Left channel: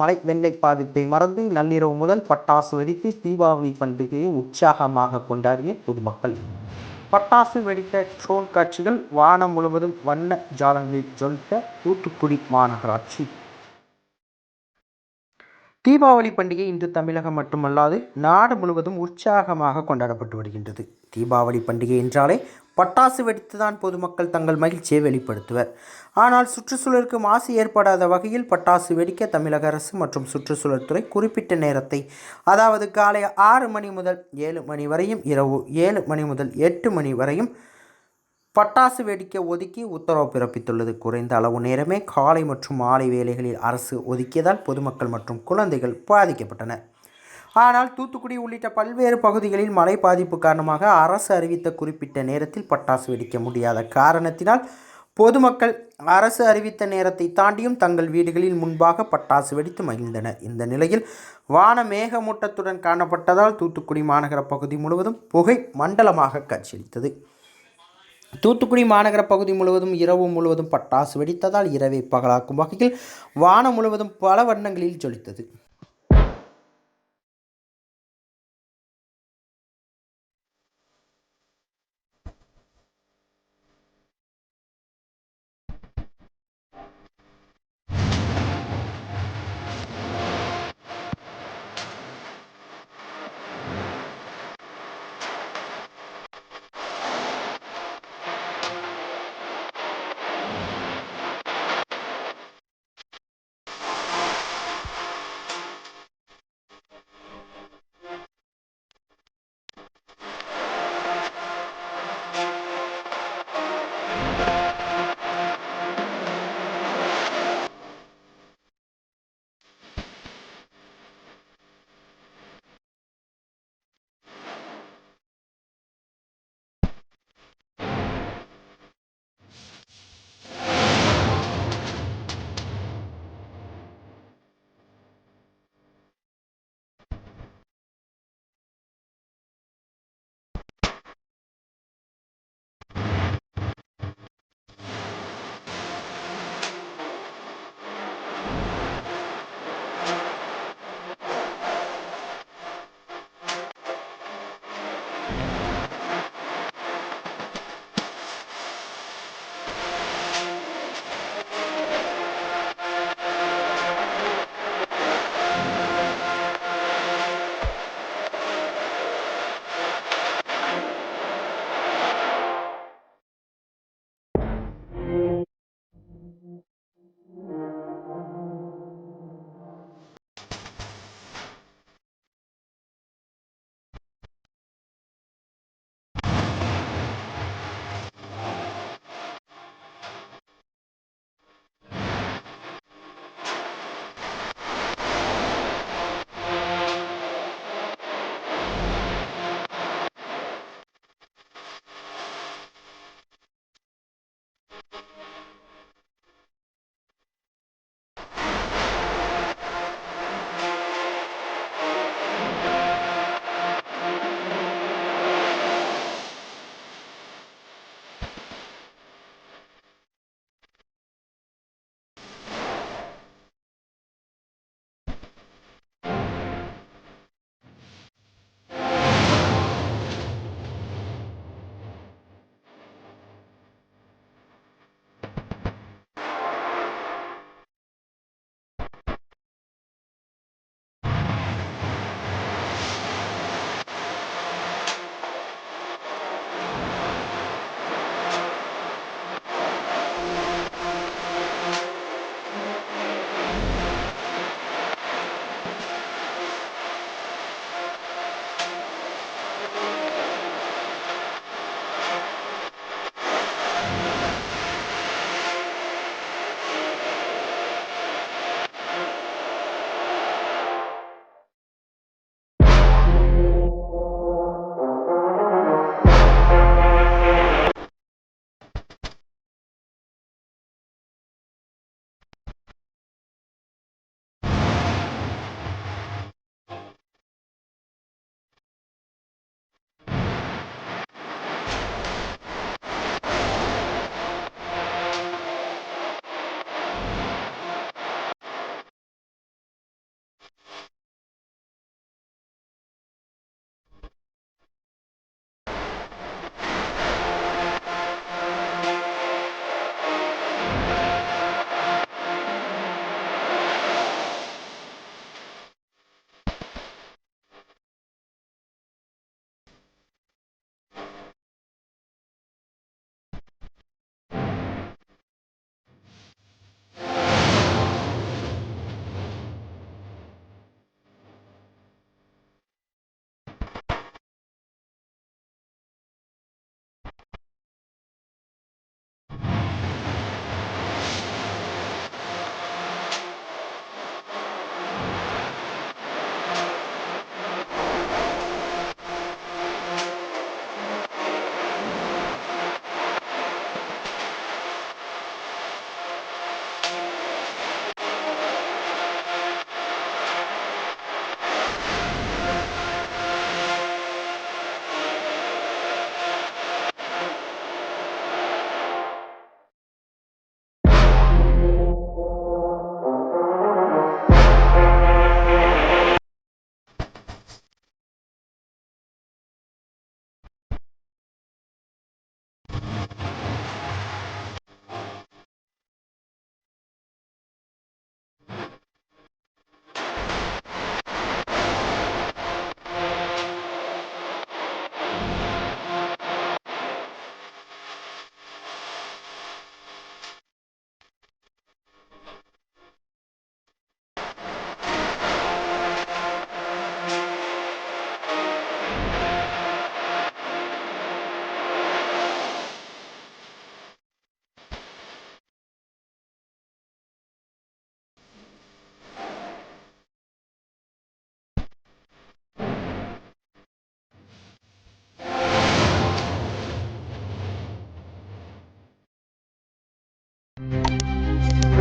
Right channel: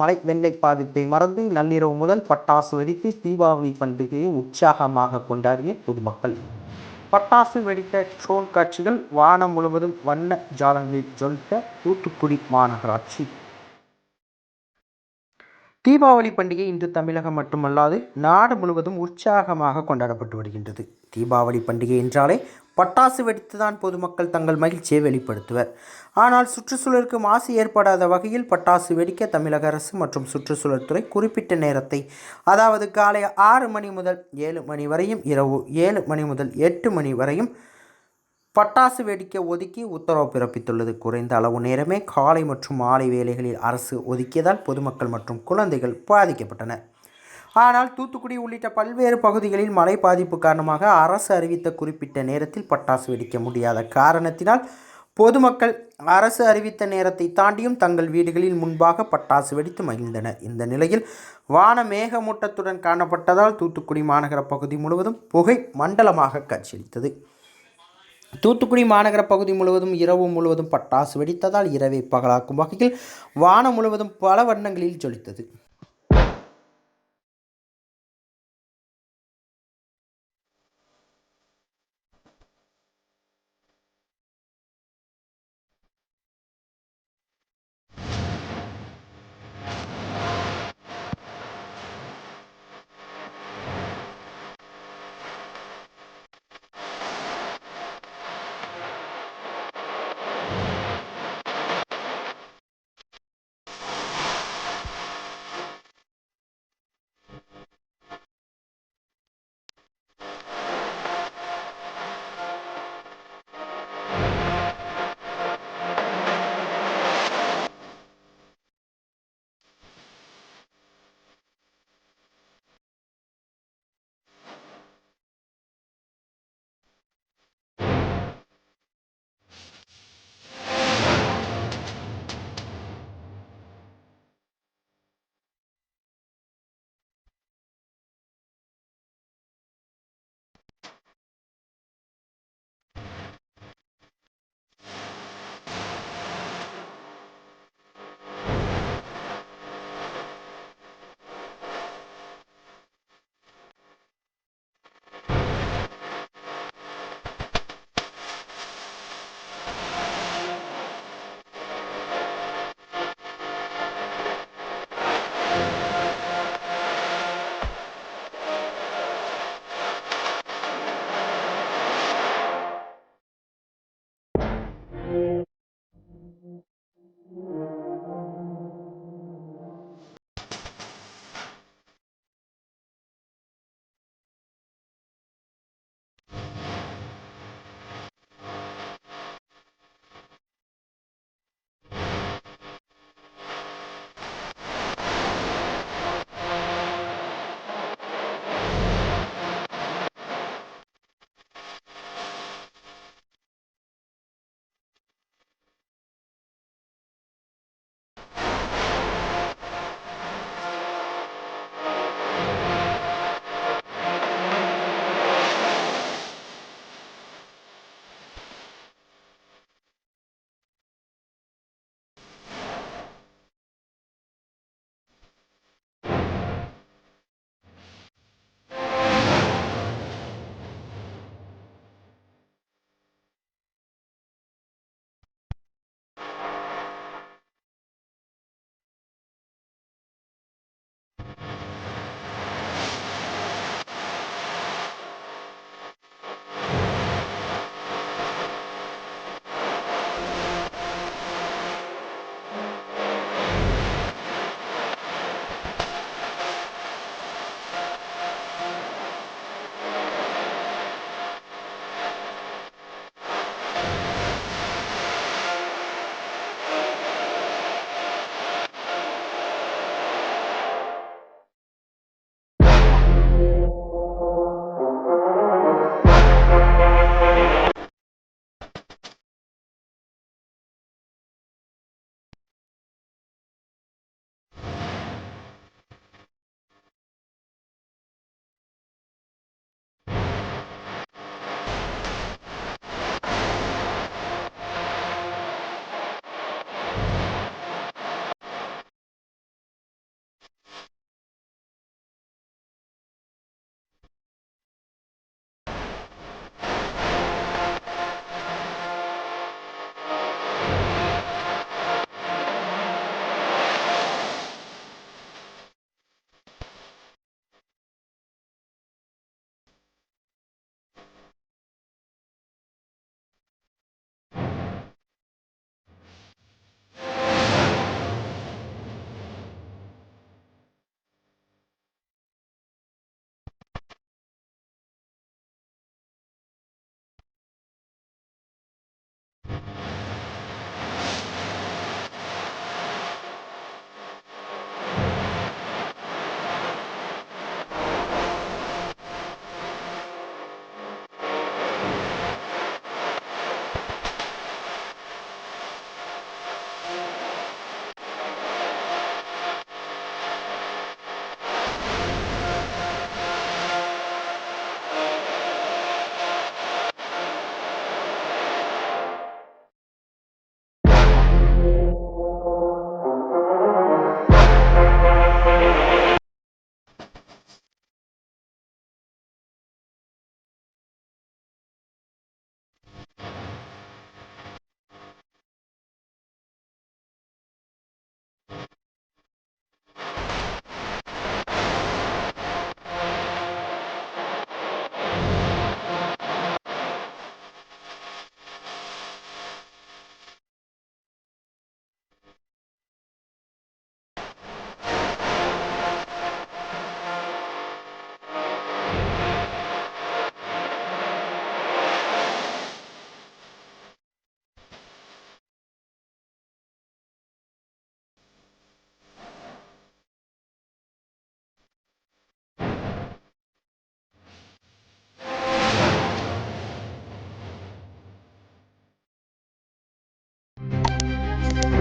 மழை வெள்ளை பாதிப்பை மறந்து நள்ளிரவு முதல் பட்டாசு வெடித்து தீபாவளி பண்டிகையை உற்சாகமாக கொண்டாடிய பொதுமக்கள். பட்டாசு வெடித்த ட்ரோன் காட்சிகள் வானம் முழுவதும் வண்ண ஜாலங்களில் ஜொலித்த தூத்துக்குடி மாநகராட்சி. தீபாவளி பண்டிகை இன்று தமிழகம் மட்டுமல்லாது நாடு முழுவதும் உற்சாகமாக கொண்டாடப்பட்டு வருகின்றது. தீபாவளி பண்டிகை என்றாலே பட்டாசு வெடித்துதான் பொதுமக்கள் தங்கள் மகிழ்ச்சியை வெளிப்படுத்துவர். ஆனால் சுற்றுச்சூழலுக்கு மாசு ஏற்படாத வகையில் பட்டாசு வெடிக்க தமிழக அரசு மற்றும் சுற்றுச்சூழல் துறை குறிப்பிட்ட நேரத்தை, அதாவது காலை 6 மணி முதல் 7 மணி வரையும், இரவு 7 மணி முதல் 8 மணி வரையும் பட்டாசு வெடிக்க ஒதுக்கி உத்தரவு பிறப்பித்துள்ளது. குறைந்த அளவு நேரமே காலை மற்றும் மாலை வேளைகளில் அரசு ஒதுக்கியதால் பொதுமக்கள் மற்றும் குழந்தைகள் பாதிக்கப்பட்டனர். ஆனால் தூத்துக்குடி உள்ளிட்ட பல்வேறு பகுதிகளில் மழை பாதிப்பு காரணமாக அரசு அறிவித்த குறிப்பிட்ட நேரத்தில் பட்டாசு வெடிக்க முடியாத காரணத்தினால் பொதுமக்கள் அரசு அறிவித்த நேரத்தை தாண்டியும் தங்கள் வீடுகளில் முன்பாக பட்டாசு வெடித்து மகிழ்ந்தனர். இந்த நிலையில் வான மேகமூட்டத்துடன் காணப்பட்டதால் தூத்துக்குடி மாநகர பகுதி முழுவதும் புகை மண்டலமாக காட்சியளித்தது. தூத்துக்குடி மாநகர பகுதி முழுவதும் இரவு முழுவதும் பட்டாசு வெடித்ததால் இரவை பகலாக்கும் வகையில் வானம் முழுவதும் பல வண்ணங்களில் ஜொலித்தது.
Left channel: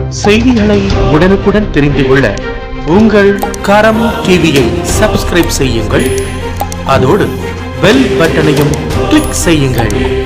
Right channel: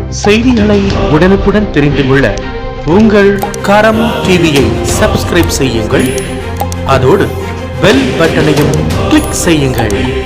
செய்திகளை உடனுக்குடன் தெரிந்து கொள்ள உங்கள் கரம் டிவியை சப்ஸ்கிரைப் செய்யுங்கள். அதோடு பெல் பட்டனையும் கிளிக் செய்யுங்கள்.